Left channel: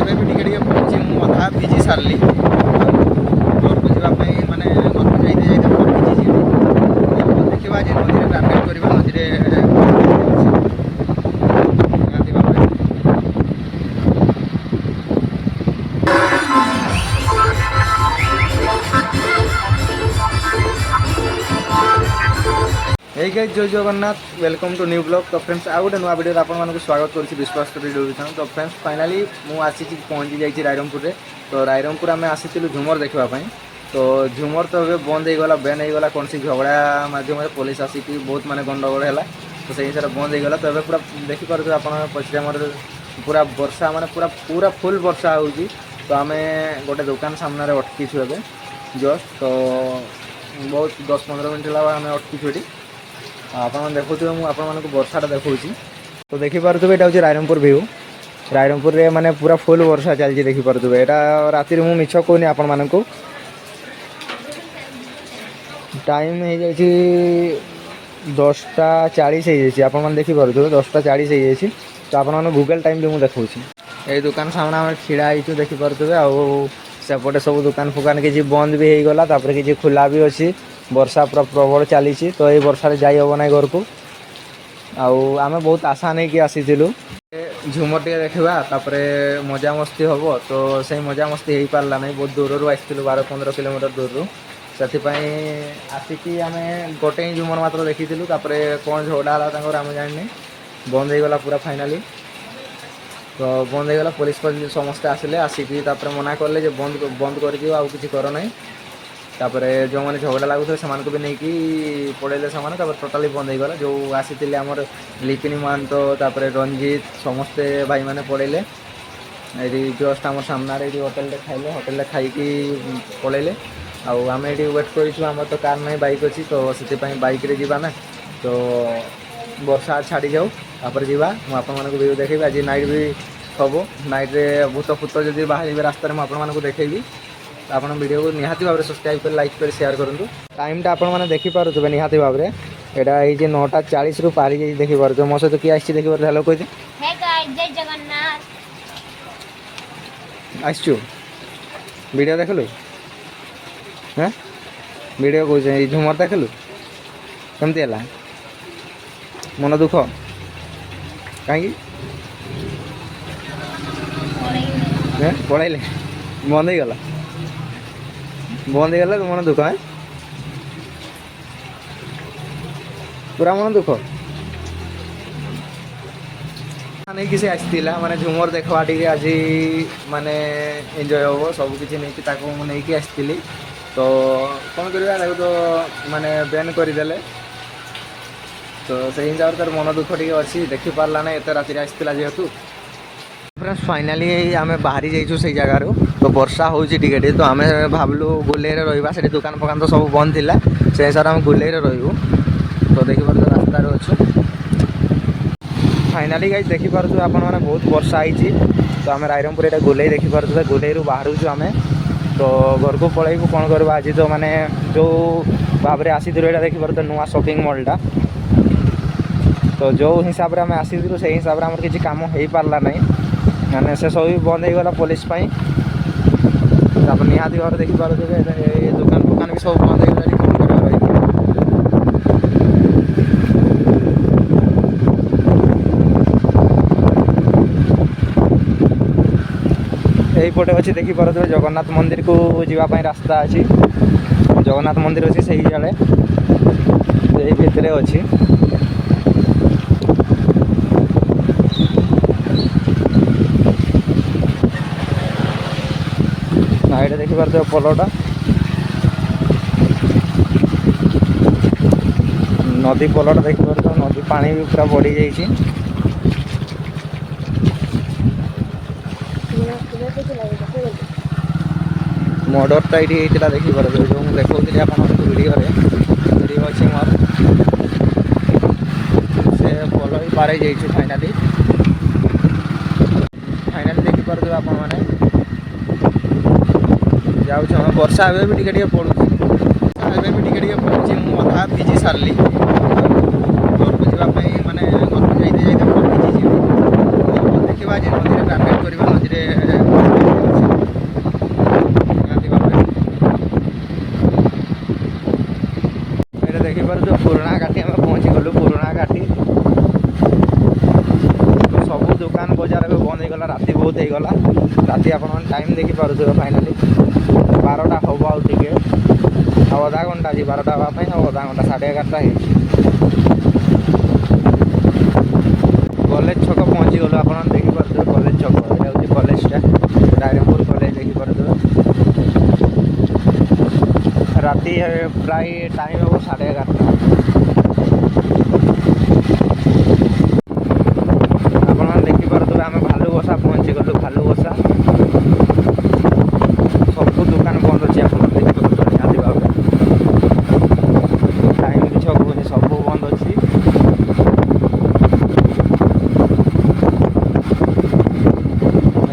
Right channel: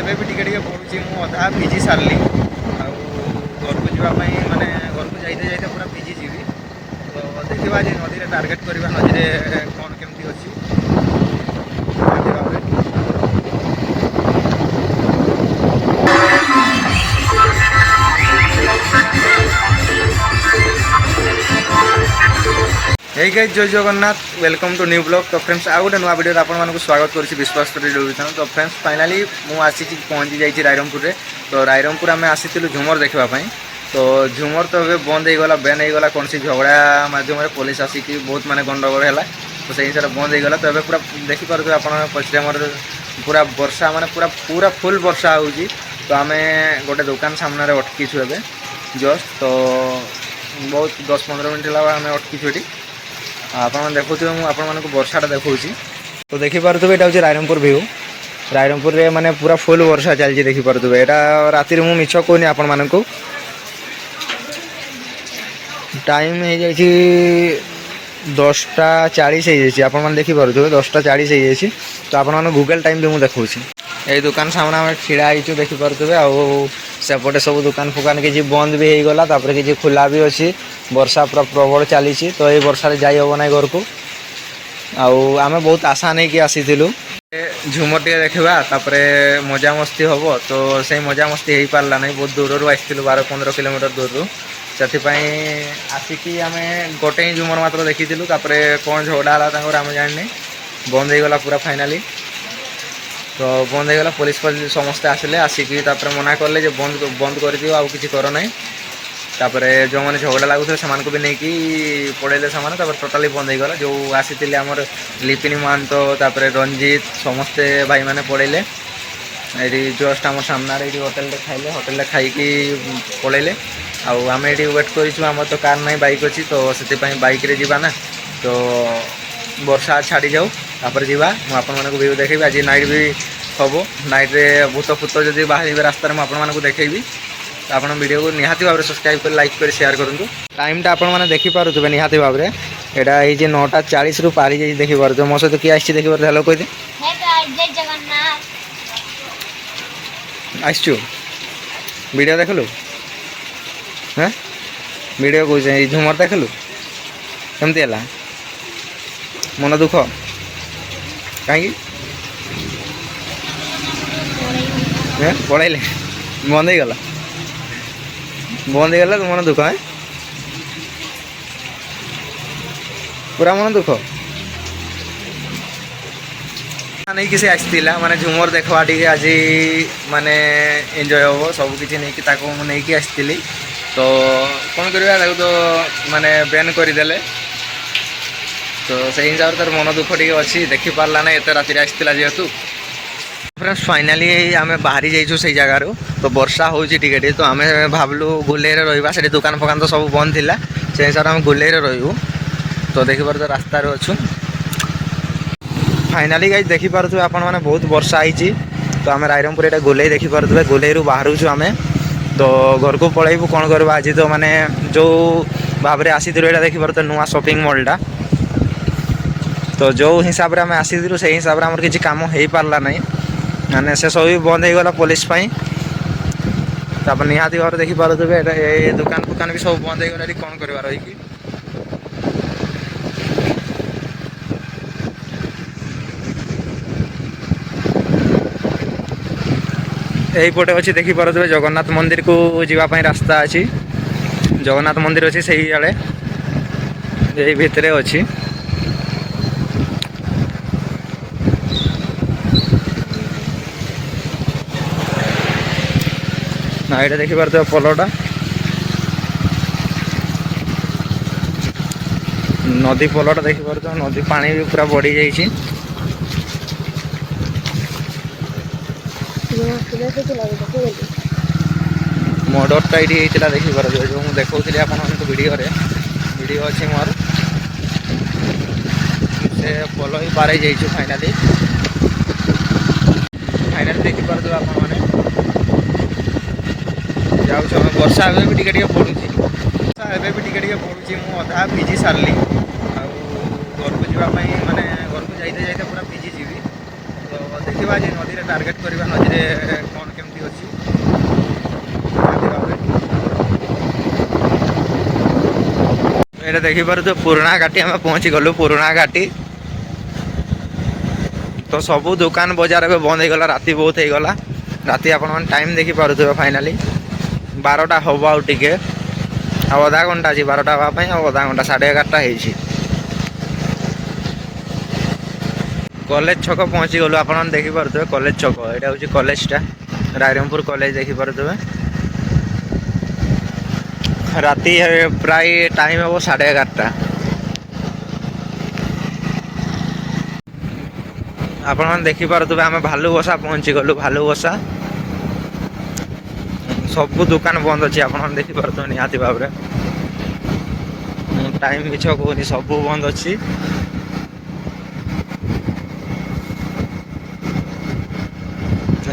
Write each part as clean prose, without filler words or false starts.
ଏବେ ବି ଟିକେ ଟିକେ ପଡ଼ୁଛି। ମୁଁ ଅଧା ଭିଜି ସାରିଲି। ଆଉ ଘରକୁ ଯିବା ପାଇଁ ମାନେ ଘରକୁ ଯାଇତେ ଯାଇତେ ପୁରା ଭିଜି ଯିବି। ଦେଖିବା ଆଜି ନଦୀରେ ଟାର୍ଗେଟ୍ କରିବା, ନଦୀରେ କ'ଣ କେମିତି ଅଛି ନିହାତି ଭାବରେ। Hey guys Jai Jagannath, welcome to new blog. তো ফ্রেন্ডস ଆଉ ଗୋଟେ ନୂଆ ଭିଡ଼ିଓରେ ଆପଣମାନଙ୍କୁ ସ୍ୱାଗତ କରୁଛି ବିଶ୍ୱାସ ଷ୍ଟୋରୀ ଚ୍ୟାନେଲ। ତ ଫ୍ରେଣ୍ଡସ୍ ଫାଇନାଲି ମୁଁ ଆସିଛି ପହଞ୍ଚି ଯାଇଛି ରାଇରଙ୍ଗପୁରରେ। ତ ରାଇରଙ୍ଗପୁର ଆମେ ଆସିଥିଲୁ ଝୁମର ଦେଖିବା ପାଇଁ। ତ ଝୁମର ତ ଏବେ ବନ୍ଦ ହେଇଗଲା, ବ୍ୟାନ୍ ହେଇଗଲା। କୌଣସି ଝଗଡ଼ା ମାଧ୍ୟମରେ ପୋଲିସ ଆସିକି ବହୁତ ମାନେ ଗଣ୍ଡଗୋଳ ହେଲା। ତ ସେଇ ହିସାବରେ ବନ୍ଦ ହେଇଗଲା। ତ ଏବେ ପୁରା ଦେଖିପାରୁଥିବେ ଆପଣ ପଛରେ ଆମର ପୁରା ବର୍ଷା ମାନେ ପୁରା ଫୁଲ୍ ବର୍ଷା ହେଉଛି। ତ ଆମେ ଗୋଟେ ଦୋକାନ ସାମ୍ନାରେ ଅଟକିଛୁ ଏବେ ଜଷ୍ଟ। ତ ବହୁତ 10-15 ମିନିଟ୍ ହେଲା ଆମେ ଅଟକିଛୁ ଏଠି। ଆପଣମାନେ ଦେଖୁଥିବେ, ମୁଁ ଆପଣମାନଙ୍କୁ ବର୍ଷାଟା ଦେଖାଉଛି। ତ ଦେଖିପାରୁଥିବେ ଏଇଟା ହେଉଛି ରାଇରଙ୍ଗପୁର ଭିଉ। ରାଇରଙ୍ଗପୁରରେ ମାନେ ପୁରା ଫୁଲ୍ ବର୍ଷା ଚାଲିଛି ଦେଖିପାରୁଥିବେ। ଏଇଟା ରାତିରେ ମୁଁ ମିଛ କହୁନି ଆପଣମାନଙ୍କୁ। ଟାଇମ୍ ହେଇଯାଇଛି 10:40 ହେଇଯାଇଛି। ଆପଣମାନେ ଦେଖିପାରୁଥିବେ 10:40 ହେଇଯାଇଛି। ତ ଆପଣମାନଙ୍କୁ ଗୁଗଲ୍ ଟାଇମ୍ ବି ମୁଁ ଦେଖାଉଛି। ଏଇ ଦୋକାନ ସାମ୍ନା ଆମେ ଛିଡ଼ା ହେଇଛୁ ଦେଖିପାରୁଥିବେ। ଆଉ ସେପଟେ ସବୁ ଦୋକାନ ଫୋକାନ କିଛି ବନ୍ଦ ବି ହେଇଗଲା, ତାପରେ କିଛି ଖୋଲା ବି ଅଛି। ବର୍ଷା ପୁରା ପ୍ରବଳ ଚାଲିଛି। ତ ଏଇ ବର୍ଷାରେ ଯାଇ ହେବ ନାହିଁ ଘରକୁ। ଆଉ ଆମେ ବହୁତ ଆଶା ନେଇକି ଆସିଥିଲୁ ଝୁମର ଟିକେ ଦେଖିବା, ତାପରେ ମଜାମସ୍ତି ହେବ। ତ ସେଇ ମଜାମସ୍ତି ହେଇପାରିଲା ନାହିଁ। ବହୁତ ଦୂରରୁ ଆସିଥିଲୁ, 12-15 କିଲୋମିଟର ଦୂରରୁ। ସେଥିପାଇଁ ଆସିକି ଆମେ ଗୋଟେ ହିଁ ଝୁମର ମାତ୍ର ଦେଖିଥିଲୁ। ତାପରେ କ'ଣ ଝଗଡ଼ା ହେଲା ତାଙ୍କର ଆମେ ଜାଣିନି, ବନ୍ଦ ହେଇଗଲା ପୁରା ଫାଇନାଲି। ତ ବନ୍ଦ ହେଇଗଲା, ପୋଲିସ ସମସ୍ତେ ଆସିଲେ। ଆସିକି ତାପରେ ମନା କଲେ ଯେ ବନ୍ଦ କରିଦିଅ, ଆଉ କିଛି କର ନାହିଁ। ତାପରେ ଯେଉଁମାନେ ଝଗଡ଼ା ଲାଗୁଥିଲେ ସେମାନଙ୍କୁ ବି ନେଇକି ପଳେଇଲେ ସେମାନେ। ତାପରେ ଟୋଟାଲି ବନ୍ଦ ହେଇଗଲା। ଯେଉଁ ଆସିଥିଲେ ଆମର ଲିପିନି ମହାନ୍ତ, ତାପରେ ରଞ୍ଜିତ, ସମସ୍ତେ ଭାଇମାନେ ପଳେଇଲେ। ଏଇଠି ଜଷ୍ଟ ଆମର ସାମ୍ନାରେ ଏଇଠି ହୋଟେଲରେ ଖାଇଲେ, ହୋଟେଲରେ ଖାଇକି ପଳେଇଲେ। ଆଉ ଆମେ ଏଇଠି ୱେଟ୍ କରିଛୁ। ଆମର ତ କାର୍ ନାହିଁ, ବାଇକ୍ ଅଛି। ତ ସେଥିପାଇଁ ବାଇକ୍ରେ ଯିବା ନା। ତ ବର୍ଷା ଛାଡ଼ିଯାଉ ତାପରେ ଯିବା। ମୁଁ ଆପଣମାନଙ୍କୁ ଭିଉ ଦେଖେଇବି। ଆଜି ନାଇଟ୍ ବି ହେବ। ନାଇଟ୍ରେ ଭୂତ ଫୁତ ଯଦି ବାହାରିବେ ରାସ୍ତାରେ ମୁଁ ଆପଣମାନଙ୍କୁ ଦେଖେଇବି। ଆପଣ ଭିଡ଼ିଓକୁ ନିହାତି ଭାବରେ ସବସ୍କ୍ରାଇବ୍ କରି ଲାଇକ୍ କରି ସେୟାର କରନ୍ତୁ। ଟାଇମ୍ଟା ଆପଣମାନେ ଦେଖିପାରୁଥିବେ ନିହାତି ଭାବରେ। ଏଇଟା ହେଇଛି 9:40ରୁ ପାରି ଯାଇଛି ଦେଖିପାରୁଥିବେ। ମୋ ସହିତ କିଏ ଆସିଛି ଦେଖିପାରୁଥିବେ? ହ୍ୟାଲୋ କହିଦେ। ଜୟ ଜଗନ୍ନାଥ। ଆସିଛୁ ଭିଡ଼ିଓ ଦେଖିଲୁ? ହଁ ଭିଡ଼ିଓ କହୁଛି, ଏଇ ଝୁମର ଦେଖିଲୁ କେମିତି ହେଲା? ମନ ଦୁଃଖ କାହିଁକି? ପଳେଇଲେ, ବନ୍ଦ ହେଇଗଲା। ବନ୍ଦ ହେଇଗଲା ତ ମନ ଦୁଃଖ। ପୁରା ମନ ଦୁଃଖ ନେଇକି ସେ ଆସିଥିଲା ମାନେ ଝୁମର ଦେଖବା ଟିକେ ଆଜି ମାନେ ଏନ୍ଜୟ ହେବ ସବୁକିଛି ନେଇକି। ତାକୁ ମୁଁ ନେଇକି ଆସିଥିଲି। ତ କ'ଣ କରିବା, ତାକୁ ତ ମାନେ ବ୍ୟାନ୍ କରିଦେଲେ। ତ ସେଇ ହିସାବରେ ତାର ମନ ଦୁଃଖ ଟିକେ ଅଛି। ଦେଖିପାରିଲା ନାହିଁ ଏତେ ରାତିରେ ଆସିଥିଲା ଯେହେତୁ। ଫ୍ରେଣ୍ଡସ୍ ଫାଇନାଲି ଆମେ ବାହାରି ଯାଇଛୁ ସେଇ ଜାଗାରୁ। ତ ବର୍ଷା ହେଉଛି ଟିକେ ଟିକେ। ତ ଆମେ ଭାବିଲୁ ଗୁଲେଇରେ ରହିବା। ସେଠି ଦୋକାନ ଫୋକାନ ତ ସବୁ ବନ୍ଦ ଥିଲା। ସେ ହିସାବରେ ଆମେ ଗୁଲେଇରେ ରହିବୁ। ତ ଦେଖିପାରୁଥିବେ ରାସ୍ତାରେ ଅଛୁ। ଫାଇନାଲି ଗାଇଜ୍ ଦେଖିପାରୁଥିବେ ଆପଣମାନେ ବହୁତ ବର୍ଷା ହେଇଛି। ତ ଆମେ ରାଇରଙ୍ଗପୁର ଏଇଟା ଗୋଲେଇ ଦେଖିପାରୁଥିବେ। ଗୋଲେଇରୁ ବାହାରୁଛୁ ଆମେ। ତ ଘରକୁ ପଳେଇବୁ। କ'ଣ କରିବା, ଆଜି ତ ମାନେ ଯେଉଁ ଭାବରେ ଆସିଥିଲୁ ଏଇଟା ଦେଖିପାରୁଥିବେ ନୂଆ ସପିଂ ମଲ୍ଟା। ତ ଯେଉଁ ହିସାବରେ ଆମେ ଆସିଥିଲୁ ସେଇ ହିସାବରେ ଆମର କିଛି କାମ ହେଇପାରିଲା ନାହିଁ। ମାନେ ସେ ସବୁ ବି ବନ୍ଦ ହେଇଗଲା ପୋଲିସ ପାଇଁ। ତାପରେ ନିହାତି ଭାବରେ ଦେଖିପାରୁଥିବେ ଏଇଟା ଏ ଦୋକାନ ଫୋକାନ ବି ସବୁ ବନ୍ଦ ହେଇଗଲା। କ'ଣ କରିବା ରହିକି। এইপଟେ ଅଛି ଦେଖିପାରୁଥିବେ ଜଗନ୍ନାଥ ମନ୍ଦିରକୁ ଯିବା ପାଇଁ ରାସ୍ତା ଅଛି। ଜଗନ୍ନାଥ ମନ୍ଦିର ଅଛି ସେଇ ଆଡ଼େ, ଏଇ ଭିତରେ ଅଛି। ନା ଏଇଟା ଦେଖିପାରୁଥିବେ ପୋଲଟା, ନଦୀ ପୋଲଟା ଦେଖିପାରୁଥିବେ। ନଦୀ ପାଣି ବି ପୁରା ବଢ଼ିଯାଇଛି। ମର୍ଡରଟା ଏଇଠି ହେଇଥିଲା ଦେଖିପାରୁଥିବେ। ଯେଉଁ ମୁଁ ଦେଖାଉଥିଲି ଆପଣମାନଙ୍କୁ ଭିଡ଼ିଓରେ, ଭିଡ଼ିଓ ଅଛି ମୋର। ସେ ପୋଲ ବି ପାର ହେଇଯାଇଛୁ ଫାଇନାଲି। ଫାଇନାଲି ଦେଖିପାରୁଥିବେ ଆପଣମାନେ। ଯାଉଛୁ ଆମେ। ବର୍ଷା ଏବେ ବି ଟିକେ ଟିକେ ପଡ଼ୁଛି। ବର୍ଷା ଏବେ ବି ଟିକେ ଟିକେ ପଡ଼ୁଛି। ମୁଁ ଅଧା ଭିଜି ସାରିଲି। ଆଉ ଘରକୁ ଯିବା ପାଇଁ ମାନେ ଘରକୁ ଯାଇତେ ଯାଇତେ ପୁରା ଭିଜି ଯିବି। ଦେଖିବା ଆଜି ନଦୀରେ ଟାର୍ଗେଟ୍ କରିବା ନଦୀରେ ଏଇଟା ଦେଖିପାରୁଛୁ ପୁରୁଣା ଘାଟି ଆମେ ପହଞ୍ଚିଗଲୁ ପୁରୁଣା ଘାଟି ତ ସବୁ ଦୋକାନ ବଜାର ଏବେ ବନ୍ଦ ହେଇଗଲା ରାତି ବହୁତ ହେଇଗଲା ରାତି ଆପଣମାନେ ଟାଇମ୍ ଦେଖିପାରୁଥିବେ ଫାଇନାଲି 12ଟା ହେବ ଆଉ ଟିକେ ଆଉ ଅଧା ଘଣ୍ଟା ଅଛି 12ଟା ହେବା ପାଇଁ ଆଉ ଅଧା ଘଣ୍ଟା 11:30 ହେଇଛି କଲେଜ ଛକ ପହଞ୍ଚିଗଲୁ ଆପଣମାନେ ଦେଖିପାରୁଥିବେ କଲେଜ ଛକ ଏଇଟା ହେଉଛି କଲେଜଟା ରାଇରଙ୍ଗପୁର କଲେଜ ଦେଖିପାରୁଥିବେ ରାତି ପ୍ରାୟ ଟାଇମ୍ ହେବ 11:30 ଆପଣମାନେ ଦେଖିପାରୁଥିବେ ଆମେ ଭାଲୁବସା ପହଞ୍ଚିଗଲୁ ଭାଲୁବସା ସବୁ ଦୋକାନ ବନ୍ଦ ଅଛି ଆପଣମାନେ ଦେଖିପାରୁଥିବେ ନିହାତି ଭାବରେ ଟାଇମ୍ କିଛି ହବନି ସବୁ ବନ୍ଦ ଅଛି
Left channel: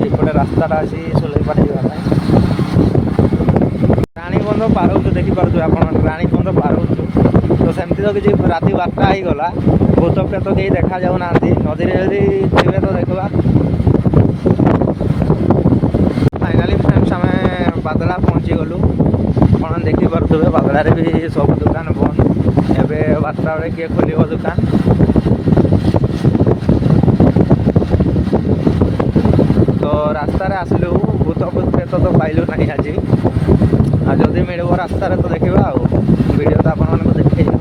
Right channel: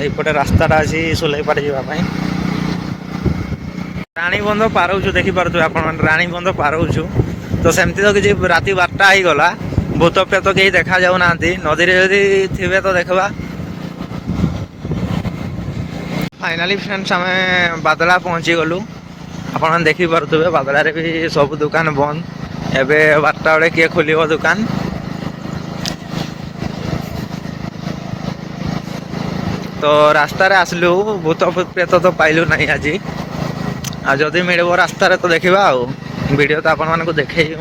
ଏପଟେ ରାସ୍ତାଟା ଅଛି ସୁଲେଇପାଟ ଯିବା ପାଇଁ ରାଣୀବନ୍ଧ ପାରଉଛୁ ଦେଖିପାରୁଥିବେ ଆପଣମାନେ ରାଣୀବନ୍ଧ ପାରଉଛୁ ତ ସେମିତି ତ କିଛି ରାତି 12ଟା ହେଇଗଲା ଭୂତ ପ୍ରେତ କେହି ଦେଖାଯାଉନାହାନ୍ତି ନଦୀରେ ଯଦି ଥିବେ ତ ଦେଖିବା ଫାଇନାଲି ଫ୍ରେଣ୍ଡସ୍ ଆମେ ବାଦଲା ପହଞ୍ଚିଗଲୁ ଆପଣମାନେ ଦେଖିପାରୁଥିବେ ବାଦଲାରେ ବି ସବୁ ଦୋକାନ ବନ୍ଦ ଏବେ 12ଟା ବେଳେ କିଏ ଖୋଲିବ ଦୋକାନ ତ ରାସ୍ତାରେ ଆସିଲୁ ଭୂତ ପ୍ରେତ ତ ପାଇଲୁ ନାହିଁ ଆଜି ଆଉ ଯଦି ମିଳିବ ରାସ୍ତାରେ ତ ଦେଖିବା ଆଉ ଭିଡ଼ିଓ ତ ଆପଣମାନଙ୍କୁ ଦେଖେଇବୁ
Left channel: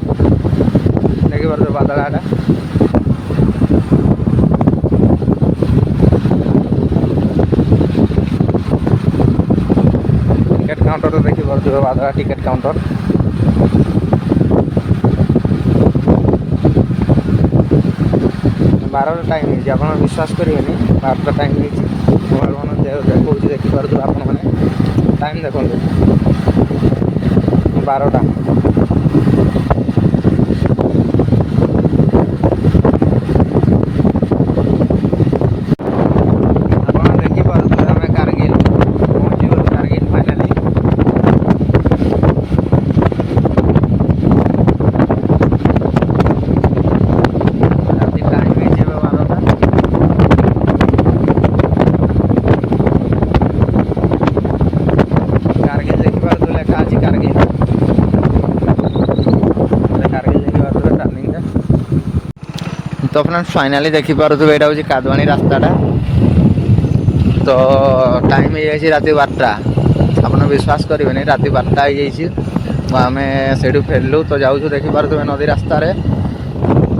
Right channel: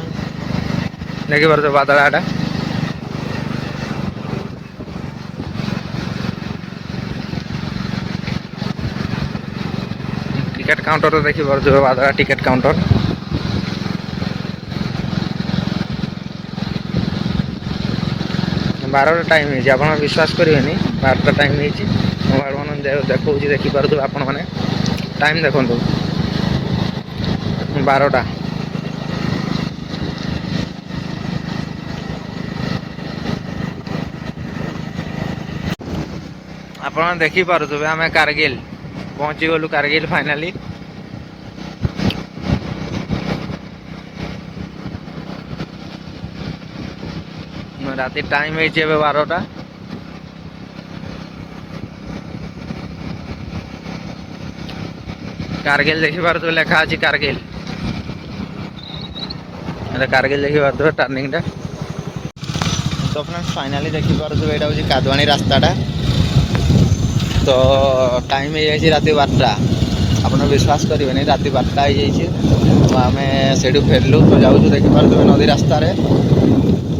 ଦେଖିପାରୁଥିବେ ବାଦଳାଟା ଟିକେଟ୍ କାଉଣ୍ଟରରେ ଦେଖିପାରୁଥିବେ ବାଦଳା ଟିକେଟ୍ କାଉଣ୍ଟର 12ଟା ଟାଇମ୍ ହେଇଛି ଆପଣ ବିଶ୍ୱାସ କରିବେନି 12ଟା ଟାଇମ୍ ହେଇଛି ମୋବାଇଲ୍ ମାନେ ଦେଖାଉଛି ଦେଖିପାରୁଥିବେ ଆପଣମାନେ ଟାଇମ୍ ଦେଖନ୍ତୁ 12ଟା ଆପଣ ଦେଖିପାରୁଥିବେ ଆମେ କାରଗିଲ ପହଞ୍ଚିଗଲୁ କାରଗିଲ ଫାଇନାଲି ରାତି ଟାଇମ୍ ହେଇଛି ଏବେ 12ଟା କାରଗିଲ ଦେଖିପାରୁଥିବେ ଲେଖା ଅଛି କାରଗିଲ କାରଗିଲ ଦେଖିପାରୁଥିବେ ଟର୍ଣ୍ଣିଂଟା ତ ଫ୍ରେଣ୍ଡସ୍ ଫାଇନାଲି ଦେଖିପାରୁଥିବେ ଏଇଟା ହେଉଛି କାଦୁଆଣି ରାସ୍ତାଟା ତ ଟାଇମ୍ ହେଇଯାଇଛି ରାତି 12ଟା ଆପଣ ବିଶ୍ୱାସ କରିବେନି ରାତି 12ଟା ହେଇଯାଇଛି ତ ଆମେ ସେଇଠୁ ଫେରିଲୁ ତ ଯାଉଛୁ ଦେଖିପାରୁଥିବେ ନଦୀ ରାସ୍ତାରେ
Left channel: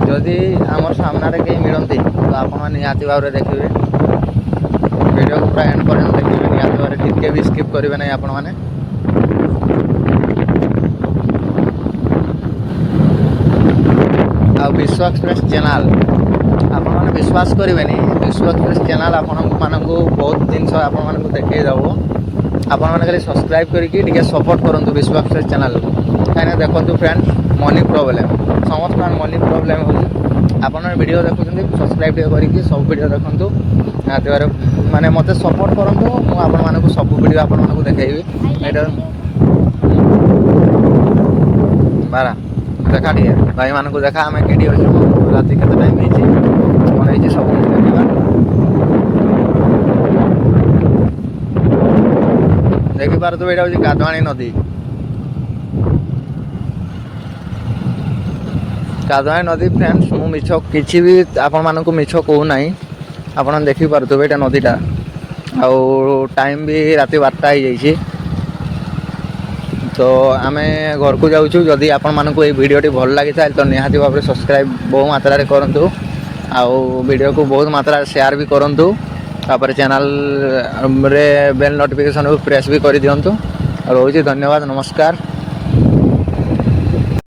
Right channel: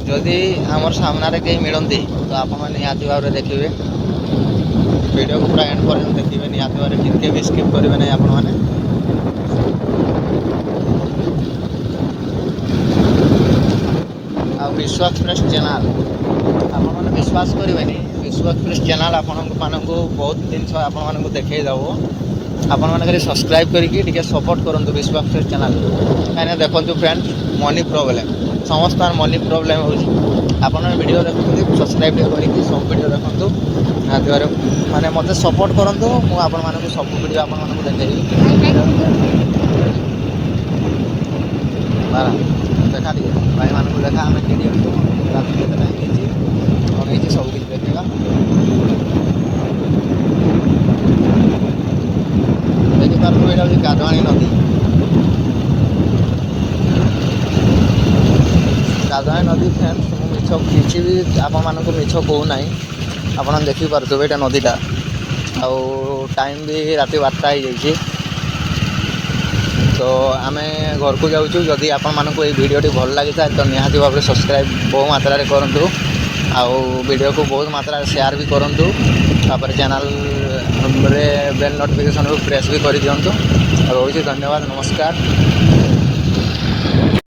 ଯଦି ଆମର ସାମ୍ନାରେ କେହି ମିଳନ୍ତି ତ ଆପଣମାନେ ନିହାତି ଭାବରେ ଦେଖିବେ ଭିଡ଼ିଓକୁ ପୁରା ଏଣ୍ଡ ପର୍ଯ୍ୟନ୍ତ ଦେଖିବେ ନିହାତି ଭାବରେ ଟିକେ ବି ସ୍କିପ୍ କରିବେ ନାହିଁ ଆପଣମାନେ ଆଉ ବିଶ୍ୱ ଏକ୍ସପ୍ରେସ୍ ଚ୍ୟାନେଲ୍ ଆପଣମାନେ ବିଶ୍ୱାସ କରିବେନି ବିଶ୍ୱ ଏକ୍ସପ୍ରେସ୍ ଚ୍ୟାନେଲ୍ ଆପଣମାନଙ୍କୁ ବହୁତ ଜିନିଷ ଆପଣମାନଙ୍କୁ ଦେଖେଇ ଦେବ ଆପଣମାନେ ଖାଲି ସବସ୍କ୍ରାଇବ୍ କରିକି ଟିକେ ସପୋର୍ଟ କରନ୍ତୁ ବିଶ୍ୱ ଏକ୍ସପ୍ରେସ୍ ଚ୍ୟାନେଲ୍କୁ କାହିଁକିନା ଦେଖନ୍ତୁ ଫ୍ରେଣ୍ଡ ମନି ପ୍ରୋବ୍ଲେମ୍ ସମସ୍ତଙ୍କର ମନି ପ୍ରୋବ୍ଲେମ୍ ହେଉଛି ଆପଣମାନେ ଭିଡ଼ିଓ ଦେଖୁଛନ୍ତି ସବସ୍କ୍ରାଇବ୍ ଟିକେ କରିକି ସବୁ ଭିଡ଼ିଓ ଦେଖନ୍ତୁ ନିହାତି ଭାବରେ ମାନେ ମୋତେ ସପୋର୍ଟ କରନ୍ତୁ ମୁଁ ଆପଣମାନଙ୍କୁ ସବୁ ଭିଡ଼ିଓ ଆପଣମାନଙ୍କୁ ଦେଖେଇବି ବାରା ଦେଖା ଟିକେ ଭାଇମାନଙ୍କୁ ଦେଖା ଆମେ କେଠି ଅଛୁ ରାତି କେତେ ଟାଇମ୍ ହେଇଛି କ'ଣ ହେଇଛି ସବୁ ଦେଖିବା ଦେଖିପାରୁଥିବେ ଏଇଟା ହେଉଛି କାଦୁଆଣି ନଦୀ କାଦୁଆଣି ନଦୀ ଫ୍ରେଣ୍ଡସ୍ ମୁଁ ମିଛ କିଛି ବି ଆପଣମାନଙ୍କୁ ମିଛ କହୁନାହିଁ ଆପଣ ଦେଖିପାରୁଥିବେ ଏଇଟା ନଦୀଟା ଆଉ ଟାଇମ୍ ବି ରାତି 12ଟା ହେଇଯାଇଛି ତ ଆମେ ଘରକୁ ଯାଉଛୁ ଯଦି ଆପଣମାନଙ୍କୁ ଏଇ ଭିଡ଼ିଓଟି ଭଲ ଲାଗିଥାଏ ତ ନିହାତି ଭାବରେ ସବସ୍କ୍ରାଇବ୍ ବହୁ ମାତ୍ରାରେ କରନ୍ତୁ ଆଉ ଭିଡ଼ିଓକୁ ବହୁତ ମାତ୍ରାରେ ସେୟାର ବି କରନ୍ତୁ ତାପରେ ଚ୍ୟାନେଲ୍ରେ ବେଲ୍ ନୋଟିଫିକେସନ୍କୁ ପ୍ରେସ୍ ବି କରିଦିଅନ୍ତୁ ଆଉ ରହୁଛି ଧନ୍ୟବାଦ ନମସ୍କାର।